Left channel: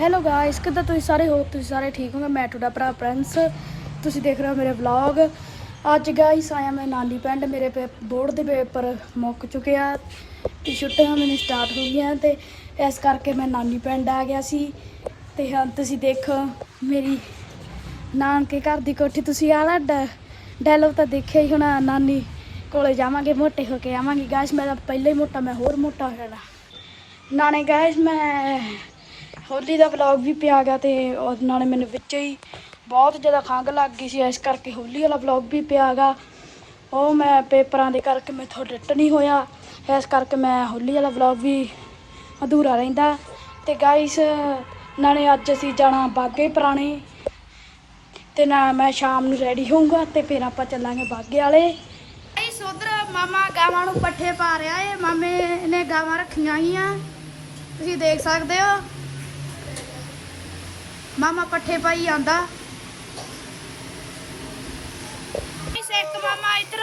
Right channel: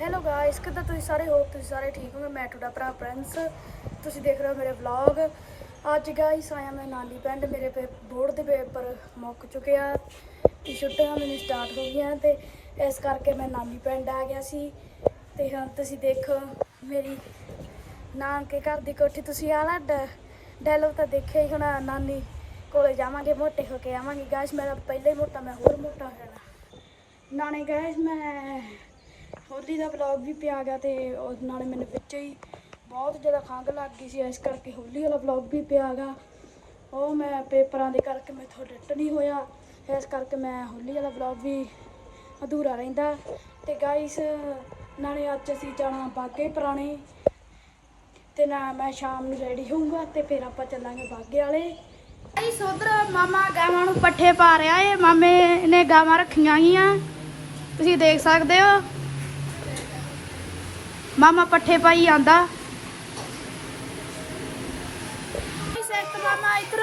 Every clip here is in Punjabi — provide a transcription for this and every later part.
ਹੈਲੋ ਗਾਇਸ ਕਿੱਦਾਂ ਤੁਸੀਂ ਸਾਰੇ? ਹੋ ਤੁਸੀਂ ਸਾਰੇ ਠੀਕ ਹੋਗੇ ਮੈਂ ਤੁਹਾਡਾ ਭਰਾ ਪ੍ਰਿੰਸ ਤੁਸੀਂ ਦੇਖ ਰਹੇ ਹੋ ਮੇਰੇ ਵਲੌਗ ਅੱਜ ਗਾਇਸ ਆਇਆ ਮੈਂ ਨਾਨੀ ਪਿੰਡ। ਮੇਰੇ ਬੋਰਡ ਦੇ ਪੇਪਰ ਮੁੱਕ ਚੁੱਕੇ ਆ। ਤੇ ਛੁੱਟੀਆਂ ਮੈਨੂੰ ਸਟਾਰਟ ਹੋ ਗਈਆਂ ਤੇ ਇਸ ਕਰਕੇ ਮੈਂ ਨਾਨੀ ਪਿੰਡ ਆ ਗਿਆ ਸੀ। ਤੇ ਹਾਂ ਤੁਸੀਂ ਦੇਖੋ ਮੇਰੀ ਨਾਨਕੇ ਘਰ ਦੀ ਕੋਠੀ। ਤੁਸੀਂ ਆਲਾ ਡੈਲੋ ਤਾਂ ਦੇਖਿਆ ਹੀ ਹੋਣਾ। ਨਾਨੀ ਕੋਲੇ ਜਾਵਾਂਗੇ, ਮੋਟੇ ਹੋ ਕੇ ਆਵਾਂਗੇ। ਗਾਇਸ ਮੈਂ ਤਾਂ ਪਹਿਲਾਂ ਹੀ ਮੋਟਾ, ਮੈਂ ਹੋਰ ਮੋਟਾ ਹੋ ਜਾਣਾ। ਨਾਲੇ ਗਾਇਸ ਮੈਂ ਹੋਲੀ ਦਾ ਵਲੌਗ ਵੀ ਪਿਆ ਗਿਆ ਤੇ ਉਹ ਨਾਲੇ ਮੈਨੂੰ ਵਿੱਚ ਹੀ ਬਹੁਤ ਜ਼ਿਆਦਾ ਖੰਘ ਲੱਗ ਗਈ ਸੀ, ਇਸ ਕਰਕੇ ਹੋਲੀ ਵਾਲਾ ਵਲੌਗ ਵੀ ਪਿਆ ਗਾ। ਉਹ ਮੈਂ ਪੇਪਰਾਂ ਦੇ ਕਰਕੇ ਮੈਥੋਂ ਡਿੱਟ ਨਹੀਂ ਹੋਇਆ, ਇਸ ਕਰਕੇ ਮੈਂ ਹੋਲੀ ਵਾਲਾ ਵਲੌਗ ਵੀ ਅਧੂਰਾ ਰਹਿੰਦਾ। ਤੇ ਗਾਇਸ ਨਾਲੇ ਅੱਜ ਅਸੀਂ ਜਾਣਾ ਬਾਗੇ ਪੁਰਾਣੇ, ਤੇ ਨਾ ਮੈਂ ਸ਼ਾਮ ਨੂੰ ਰੈਡੀ ਹੋਊਂਗਾ ਤੇ ਫਿਰ ਆਪਾਂ ਚੱਲਾਂਗੇ ਬਾਗੇ ਵਾਲੇ। ਗਾਇਸ ਉਧਰ ਮਾਮਾ ਗਾਵਾਂ ਨੂੰ ਪੱਠੇ ਪਾ ਰਿਹਾ ਏ, ਮਾਮੇ ਨੇ ਗਾਵਾਂ ਰੱਖੀਆਂ ਗਈਆਂ। ਤੁਸੀਂ ਦੇਖ ਸਕਦੇ ਹੋ। ਮਾਮਾ ਪੱਠੇ ਪਾਈ ਆਂਦਾ ਇਸ ਇੱਕ ਮਾਮਾ ਇੱਧਰ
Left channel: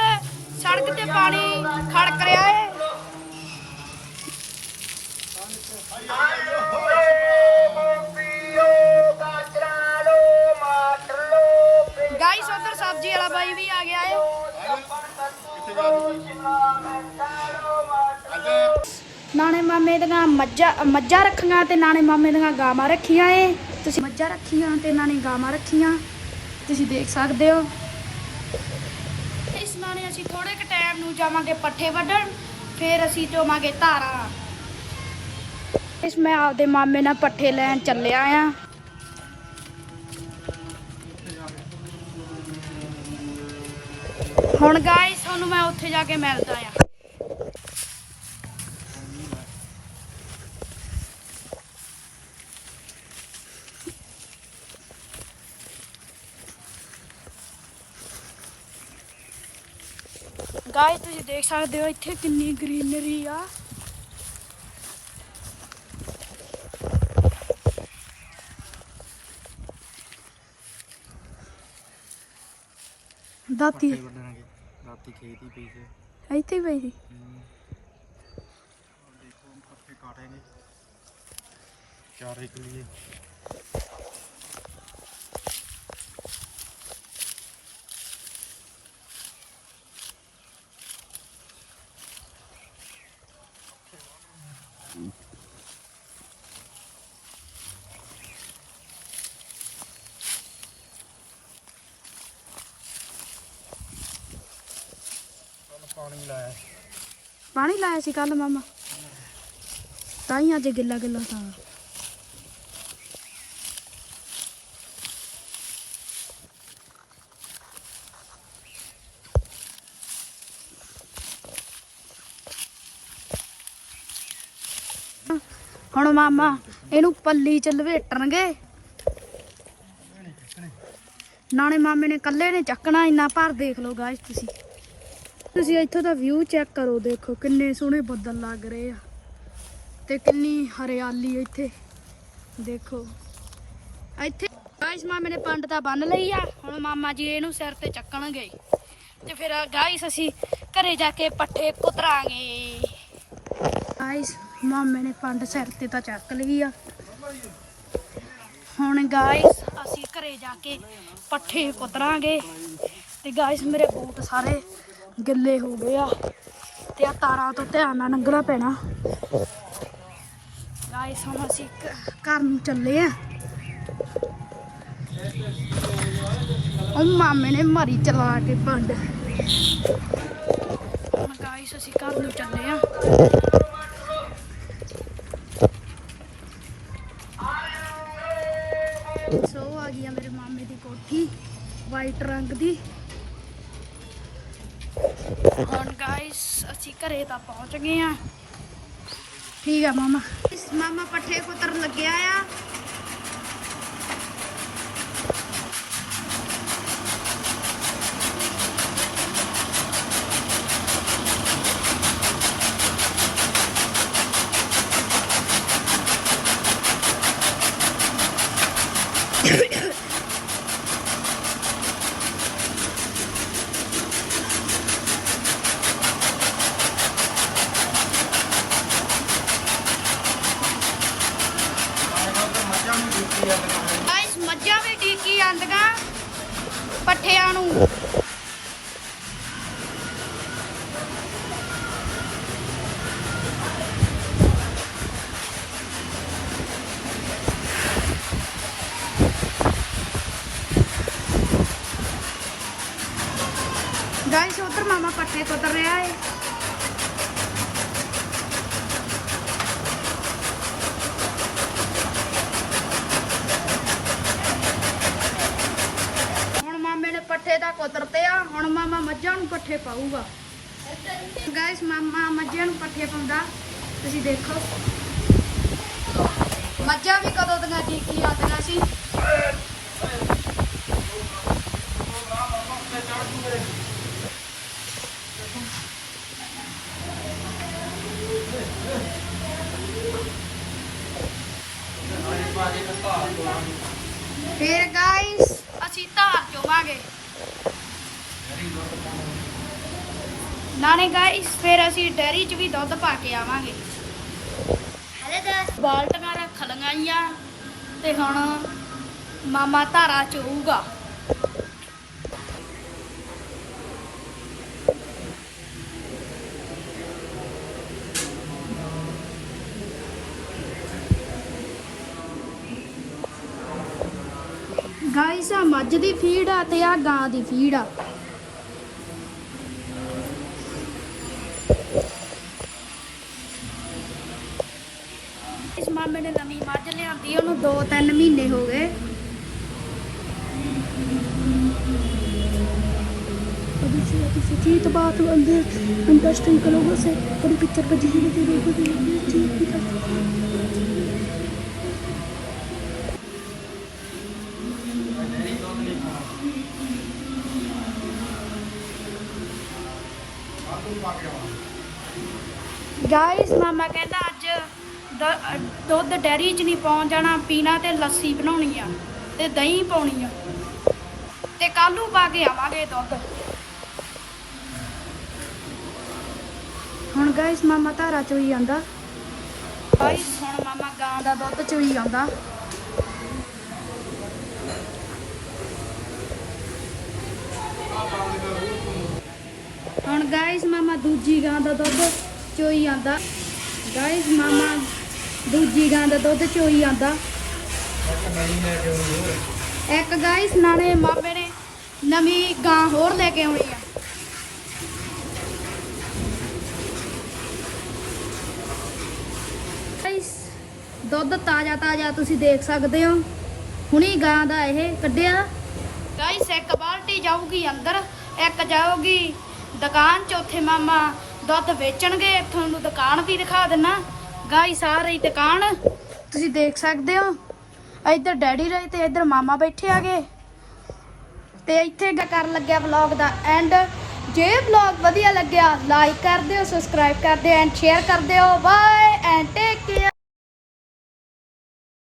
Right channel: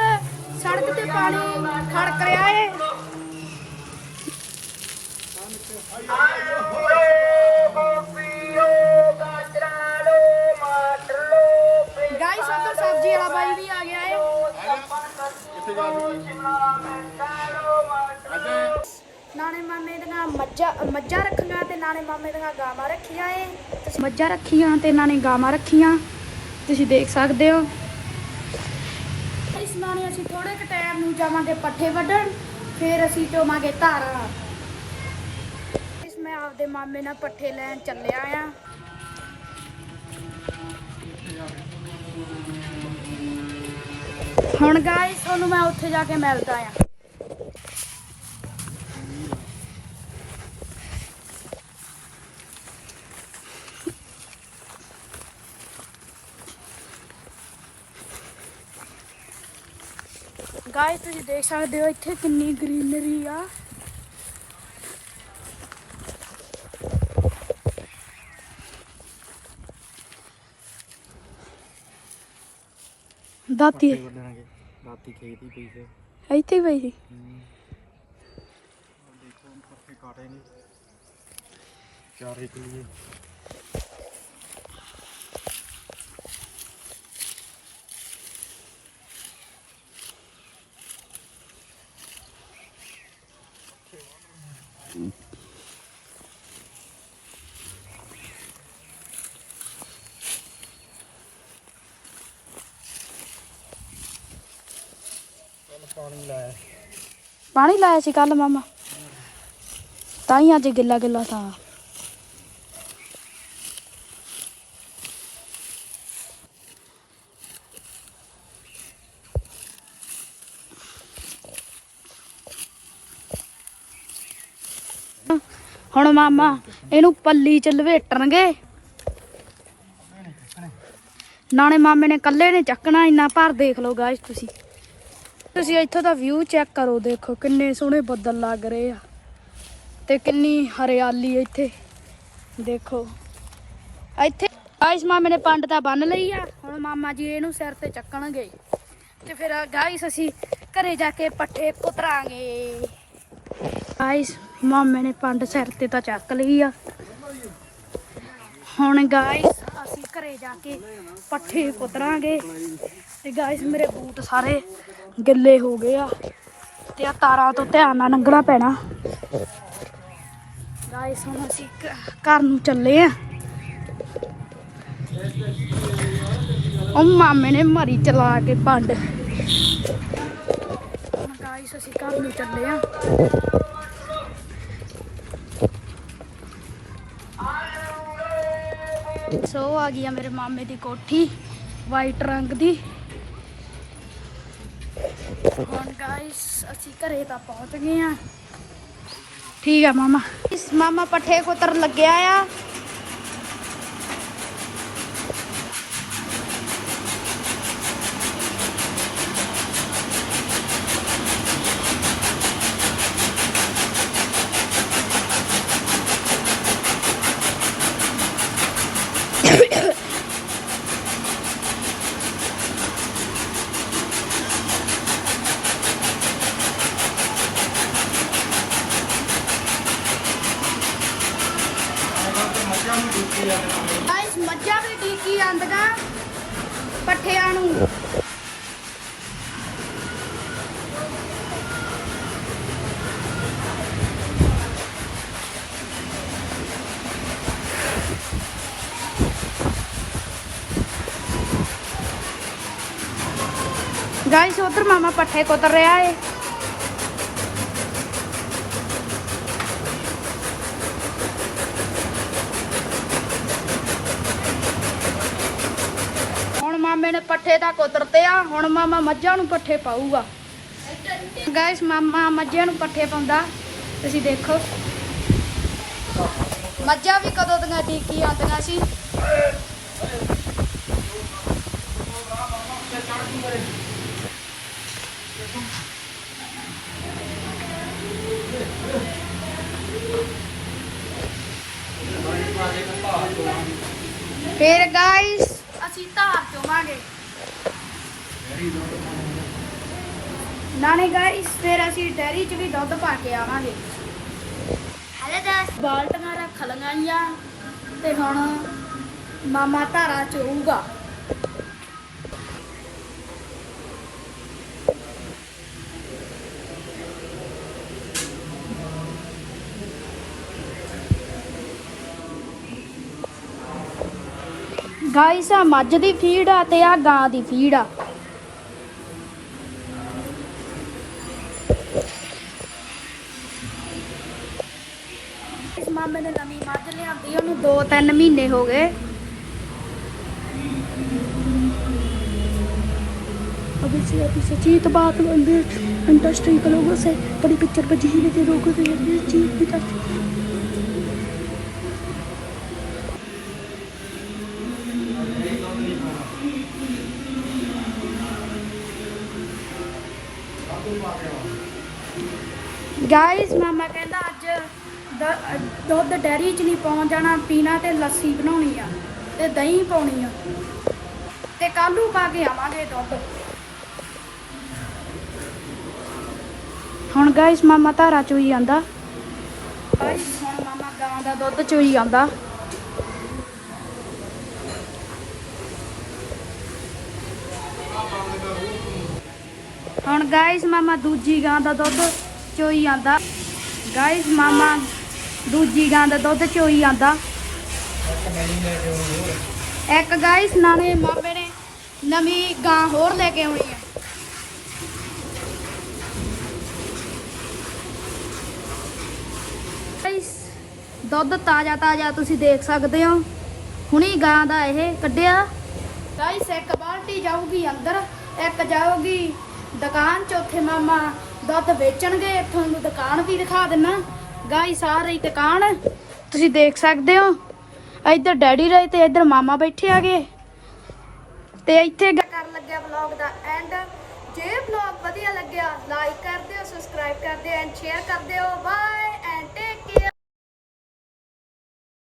ਸੜਕ ਤੇ ਪਾਣੀ ਖੜਕ ਰਿਹਾ ਏ। ਗਾਈਸ ਉਧਰ ਸਬਜ਼ੀ ਵਾਲਾ ਬਾਈ ਵੀ ਆ ਗਿਆ ਏ। ਨਾਲੇ ਮਾਮੇ ਦੀਆਂ ਮੱਝਾਂ ਮੱਝਾਂ ਰੱਖੀਆਂ ਤੇ ਨਾਲੇ ਮਾਮੇ ਦੀਆਂ ਗਾਵਾਂ ਰੱਖੀਆਂ ਏ। ਤੁਸੀਂ ਮੱਝਾਂ ਰੱਖੀਆਂ ਤੇ ਇਹਨਾਂ ਨੇ ਗਾਵਾਂ ਰੱਖੀਆਂ। ਤੁਸੀਂ ਦੇਖ ਸਕਦੇ ਹੋ। ਇਸ ਨਾਲ ਅਸੀਂ ਥੋੜੇ ਕੁ ਟਾਈਮ ਨੂੰ ਜਾਵਾਂਗੇ ਪੱਠੇ ਵੱਢਣ, ਫਿਰ ਅਸੀਂ ਚੋਵਾਂਗੇ ਧਾਰਾਂ। ਇਸ ਮੈਂ ਆਪਦੇ ਮਾਮੇ ਨਾਲ ਪੱਠੇ ਲੈਣ ਚੱਲਿਆ ਆ। ਹੁਣ ਗਾਇਸ ਤੁਹਾਨੂੰ ਮੈਂ ਉੱਥੇ ਜਾ ਕੇ ਮਿਲਦਾ ਆ। ਗਾਇਸ ਤੁਸੀਂ ਦੇਖ ਸਕਦੇ ਹੋ ਇੱਥੇ ਕਿੰਨੀ ਗ੍ਰੀਨਰੀ ਆ। ਦਾਤੀ। ਦਾਤੀ ਖੇਤ ਹੀ ਪਈ ਸੀ ਇੱਥੇ ਹੀ ਪਈ ਸੀ। ਦੇਖੋ ਪੱਠੇ ਕਾਟੇ ਨੇ ਚਾਰ ਇੱਕ ਪਾਣੀ ਲਾਇਆ ਪਾਣੀ ਲਾਇਆ ਸੀ ਕੱਲ ਮਾਮਾ। ਤਾਂ ਹੀ ਅੱਜ ਗਿੱਲਾ ਗਿੱਲਾ ਥਾ। ਹੁਣ ਮਾਮਾ, ਇਹਨੂੰ ਪੱਲੀ ਚ ਲਵੇਟਣਗੇ। ਨਾਲੇ ਮਾਮੇ ਨੇ ਕੱਲੇ ਨੇ ਚੱਕਣਾ, ਇੰਨਾ ਭਰ ਦੇਖ ਲਓ ਗਾਇਸ ਤੁਸੀਂ। ਤੁਸੀਂ ਇੱਥੋਂ ਦਾ ਵਿਊ ਚੈੱਕ ਕਰੋ, ਦੇਖੋ ਕਿੰਨੇ ਸੋਹਣੇ ਬੱਦਲ ਲੱਗ ਰਹੇ ਆ ਤੇ ਕਿੰਨੀ ਹਰਿਆਲੀ ਇੱਥੇ। ਦੇਖੋ। ਇੱਥੇ ਗਾਇਸ ਮਾਮੇ ਨੇ ਪੰਡ ਤਾਂ ਬੰਨ ਲਈ ਆ, ਹੁਣ ਮਾਮਾ ਜੀ ਇਹਨੂੰ ਸਿਰ ਤੇ ਚੱਕਣਗੇ। ਤੇ ਫਿਰ ਗਾਇਸ ਅਸੀਂ ਘਰੇ ਜਾ ਕੇ ਪੱਠੇ ਕੁਤਰਾਂਗੇ ਗਾਇਸ ਮਾਮੇ ਨੇ ਪੰਡ ਸਿਰ ਤੇ ਤਾਂ ਚੱਕ ਲਈ ਆ। ਹੁਣ ਗਾਇਸ ਅਸੀਂ ਘਰੇ ਜਾ ਕੇ ਪੱਠੇ ਕੁਤਰਾਂਗੇ ਤੇ ਗਾਇਸ ਮੇਰੇ ਬੂਟ ਸਾਰੇ ਗਿੱਲੇ ਹੋ ਗਏ ਆ ਤੇ ਆ ਤਾਰਾਂ ਤੋਂ ਧਿਆਨ ਨਾਲ ਲੰਘਣਾ ਪੈਣਾ। ਗਾਇਸ ਹੁਣ ਅਸੀਂ ਘਰ ਨੂੰ ਚੱਲੇ ਆ। ਉਹ ਮਾਮੇ ਨੇ ਮਰੀ ਚਲਾ ਕੇ ਪੰਡ ਗਾਇਸ ਅਸੀਂ ਘਰ ਨੂੰ ਚੱਲੇ ਆ। ਸੋ ਆ ਗਈ ਆ ਮੇਰੇ ਮਾਮੇ ਦੀ ਕੋਠੀ ਵਾਈਟ ਰੰਗ ਦੀ। ਹੁਣ ਗਾਇਸ ਅਸੀਂ ਘਰੇ ਤਾਂ ਪਹੁੰਚ ਗਏ ਆ ਠੀਕ ਆ ਮਾਮਾ। ਇਸ ਮਾਮਾ ਪੱਠੇ ਕੁਤਰ ਲੱਗਿਆ ਆ। ਪੱਠਿਆਂ ਨੂੰ। ਗਾਇਸ ਉਧਰ ਮਾਮਾ ਪੱਠੇ ਕੁਤਰ ਰਿਹਾ ਏ। ਹੁਣ ਮਾਮੇ ਨੇ ਪੱਠੇ ਤਾਂ ਕੁਤਰਤੇ ਆ ਹੁਣ ਮਾਮਾ ਮੱਝਾਂ ਨੂੰ ਪੱਠੇ ਪਾਊਗਾ। ਗਾਇਸ ਮਾਮਾ ਮੱਝਾਂ ਨੂੰ ਪੱਠੇ ਪਾਉਂਦਾ। ਤੁਸੀਂ ਦੇਖੋ। ਮੱਝਾਂ ਵੀ ਕਦੋਂ ਦੀਆਂ ਡੀਕੀ ਆਉਂਦੀਆਂ ਸੀ। ਫਿਰ ਗਾਇਸ ਅਸੀਂ ਧਾਰ ਚੋਵਾਂਗੇ ਨਾਲੇ ਗਾਇਸ ਫਿਰ ਅਸੀਂ ਡੈਰੀ 'ਚ ਵੀ ਦੁੱਧ ਪਾ ਕੇ ਆਵਾਂਗੇ। ਬਾਲਟੀਆਂ ਰੱਖ ਲਗਾਈਆਂ ਤੇ ਹੁਣ ਮਾਮਾ ਧਾਰਾ ਚੋਊਗਾ ਗਾਇਸ ਆ ਮੱਝ ਦੀ ਫੀਡ ਆ ਤੇ ਆ ਗਾਂ ਦੀ ਫੀਡ ਆ। ਇਸ ਮਾਮੇ ਨੇ ਨਵੀਂ ਮੱਝ ਲਿਆਂਦੀ ਉਹਨੂੰ 2-3 ਮਹੀਨੇ ਹੋ ਗਏ अभी से अभी से जीत बात अंदर इंडस्ट्री के लोगों से बड़ी पिक्चर बजी हुई थी लोगों से जीत की था ਗਾਇਸ ਮਾਮਾ ਕਹਿੰਦਾ ਅੱਜ ਦ- ਦੁੱਧ ਡੈਰੀ 'ਚ ਨਹੀਂ ਪਹੁੰਚ ਜਾਣਾ, ਪੀਣਾ ਤੇ ਲੱਸੀ ਬਣਾਉਣੀ ਆ ਤੇ ਦਹੀਂ ਪਾਉਣੀ ਆ। ਤੇ ਕੱਲੂ ਪਾ ਕੇ ਆਵਾਂਗੇ ਦੁੱਧ। ਹੁਣ ਗਾਇਸ ਮਾਮਾ ਧਾਰਾ ਚੋਈ ਜਾਂਦਾ। ਗਾਇਸ ਹੁਣ ਮਾਮਾ ਗਾਂ ਦਾ ਦੁੱਧ ਚੋਈ ਜਾਂਦਾ। ਹੁਣ ਗਾਇਸ ਮਾਮਾ ਦੂਜੀ ਗਾਂ ਦਾ ਦੁੱਧ ਚੋਈ ਆਂਦਾ। ਗਾਇਸ ਮਾਮਾ ਦੂਜੀ ਗਾਂ ਦਾ ਦੁੱਧ ਚੋਈ ਆਂਦਾ। ਇੱਕ ਗਾਇਸ ਨਾਲੇ ਮਾਮੇ ਨੇ ਨਵੀਂ ਗਾਂ ਹੋਰ ਲੈ ਕੇ ਆਉਣੀ ਆ। ਗਾਇਸ ਦੁੱਧ ਤਾਜ਼ਾ ਤਾਜ਼ਾ ਤੁਸੀਂ ਦੇਖ ਸਕਦੇ ਹੋ। ਹੁਣੀ ਗਾਂ ਦਾ ਇਹ ਕੱਢਿਆ। ਗਾਇਸ ਇੱਕ ਬਾਲਟੀ ਜਾਊਗੀ ਅੰਦਰ, ਇੱਕ ਜਾਊਗੀ ਦੁਕਾਨ ਚੌਥੇ ਮਾਮਾ ਦੁੱਧ ਵੇਚਣਗੇ ਤੁਹਾਨੂੰ ਦੁਕਾਨ ਵੀ ਦਿਖਾ ਦਿੰਨਾ। ਗਾਇਸ ਆ ਦੁਕਾਨ। ਤੁਸੀਂ ਦੇਖ ਸਕਦੇ ਹੋ, ਇੱਧਰ ਡੈਡੀ ਰਹੇ ਤੇ ਇੱਧਰ ਮਾਮਾ ਬੈਠੇ ਆਗੇ ਤੇ ਇੱਥੇ ਗ- ਕਰਨ ਲੱਗਿਆ ਵਲੌਗ ਦਾ ਐਂਡ ਜੇ ਵਲੌਗ ਵਧੀਆ ਲੱਗਿਆ ਲਾਈਕ ਕਰ ਦਿਓ ਸਬਸਕ੍ਰਾਈਬ ਕਰ ਦਿਓ ਐਂਡ ਸ਼ੇਅਰ ਕਰ ਦਿਓ। Bye and